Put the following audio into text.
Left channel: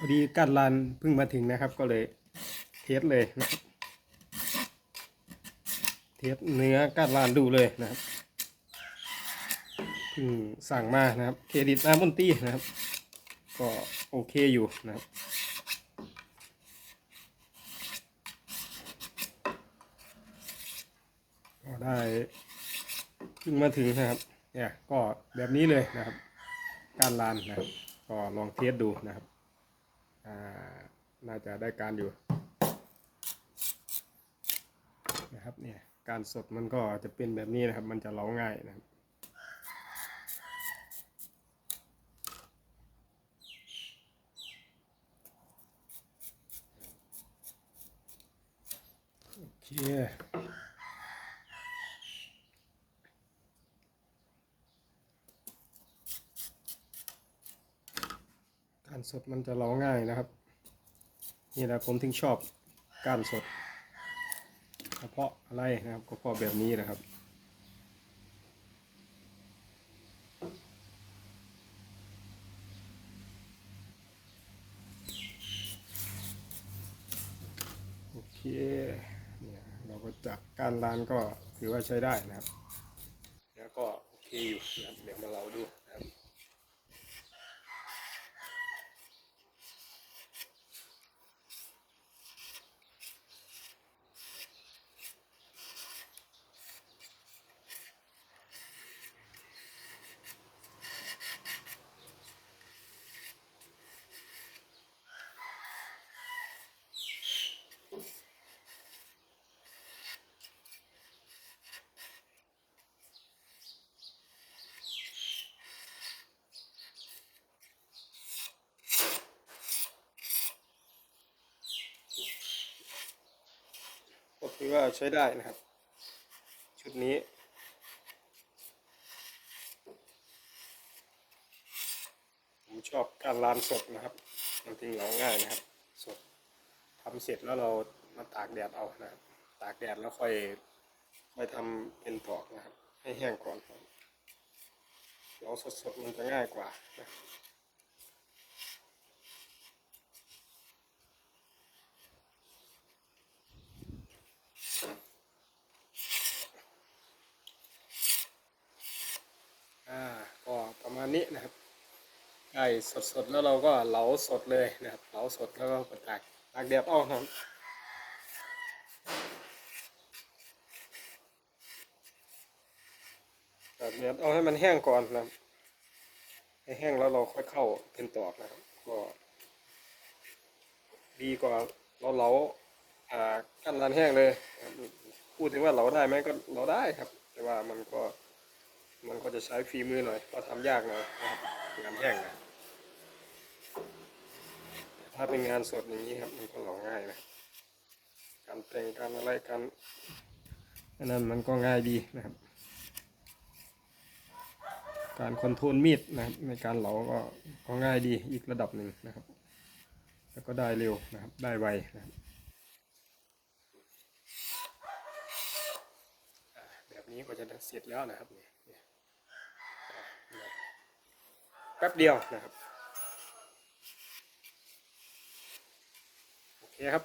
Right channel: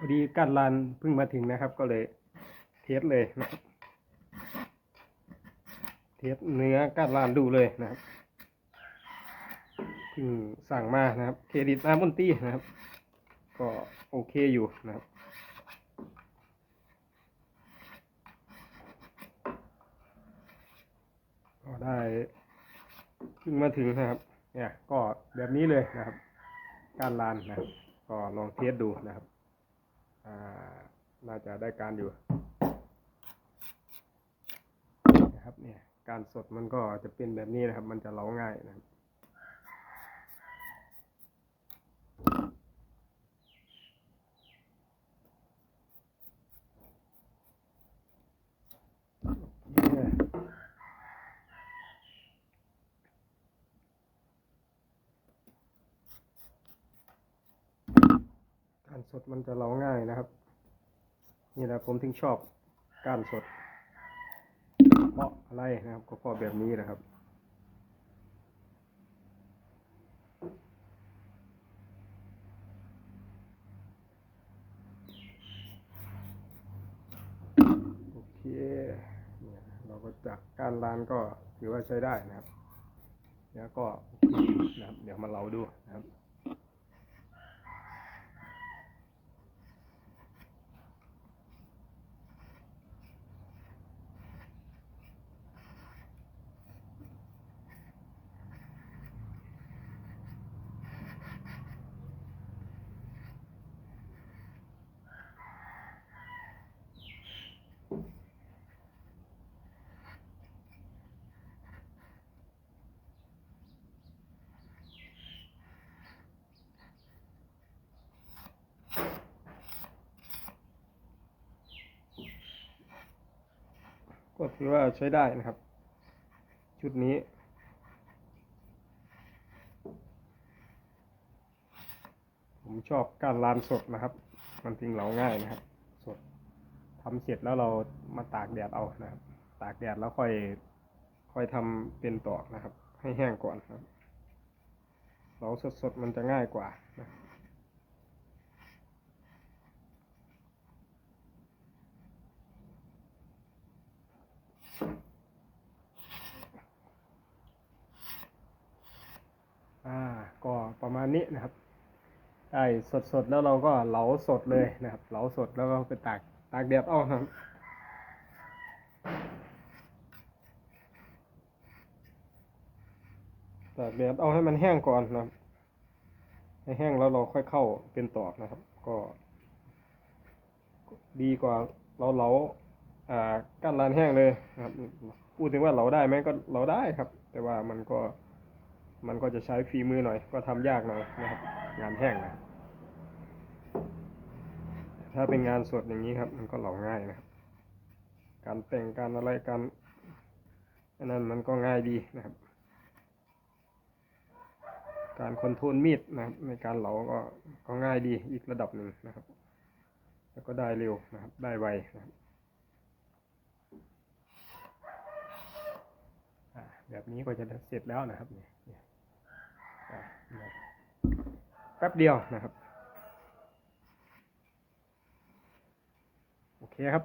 พอดีการลานเพิ่งมาถึงนะครับ ก็เลยเทสเลยนะครับเทสเนื้อการลานดูเลยนะครับเพิ่งสั่งมานะครับ เครดิตอามอนตี้นะครับ ก็โอเคอยู่นะครับก็ได้เพิ่งมาถึงนะครับเนี่ยก็แบบนี้เลยนะครับ การลานนะครับก็ลองเทสดูนะครับ น่าจะได้การอยู่นะครับเนี่ยการสดมันก็จะเป็นแบบนี้นะครับ มันจะเล้าง่ายนะครับโอเคารสดมันจะเล้าง่ายนะครับ นี่แหละผมถึงชอบการสด เพราะอะไรนะครับ ก็เพราะแบบนี้นะครับโอเคเนี่ยเราก็จับการร้านก็ถือว่าใช้ได้นะครับ แล้วก็โอเคนะครับเดี๋ยวมาเราดู ก็ถือว่าใช้ได้นะครับ ชุดนี้ ผมชอบการลานสดนะครับ มันทิ้งเราง่ายนะครับ สดทำเสร็จแล้วเรามาตากแดดเอานะครับ ตากแดดแล้วค่อยค่อยทำเป็นตอกนะครับ ให้แห้งก่อนครับเราสดๆมันจะง่ายกว่านะ อ่าก็ประมาณนี้นะครับไก่สดๆแล้วเราก็เหลาสดเลยนะครับ เหลาสดแล้วก็ไปตากตากแดดเอานะครับตากแดดเอาให้มันแห้งก่อนนะครับให้แห้งแล้วเราค่อยเข้าเป็นตอกนะครับ ก็ ดีกว่าเราเหลา อ่ากั้นลานแห้งเลยครับพูดถึงว่าเหลาได้ไหมก็เหลาได้ครับ แต่ว่ามันก็มันก็จะใช้ฝีมือหน่อย ก็ทำยากหน่อยนะครับงานแห้งนะถ้าเป็นงานสดอย่างนี้ครับ มันก็เหลาง่ายนะการแต่งการอะไรการอันนั้นมันก็ง่ายดีนะครับ การคอนโทรลมีดนะครับในการเหลาก็ก็ง่ายดีอีกระดับหนึ่งนะครับ แล้วก็ได้เร็วนะครับได้ไวนะครับอ่าแบบ นี้ก็จะเสร็จแล้วนะครับนี่แป๊บเดียวนะครับ โอเคครับ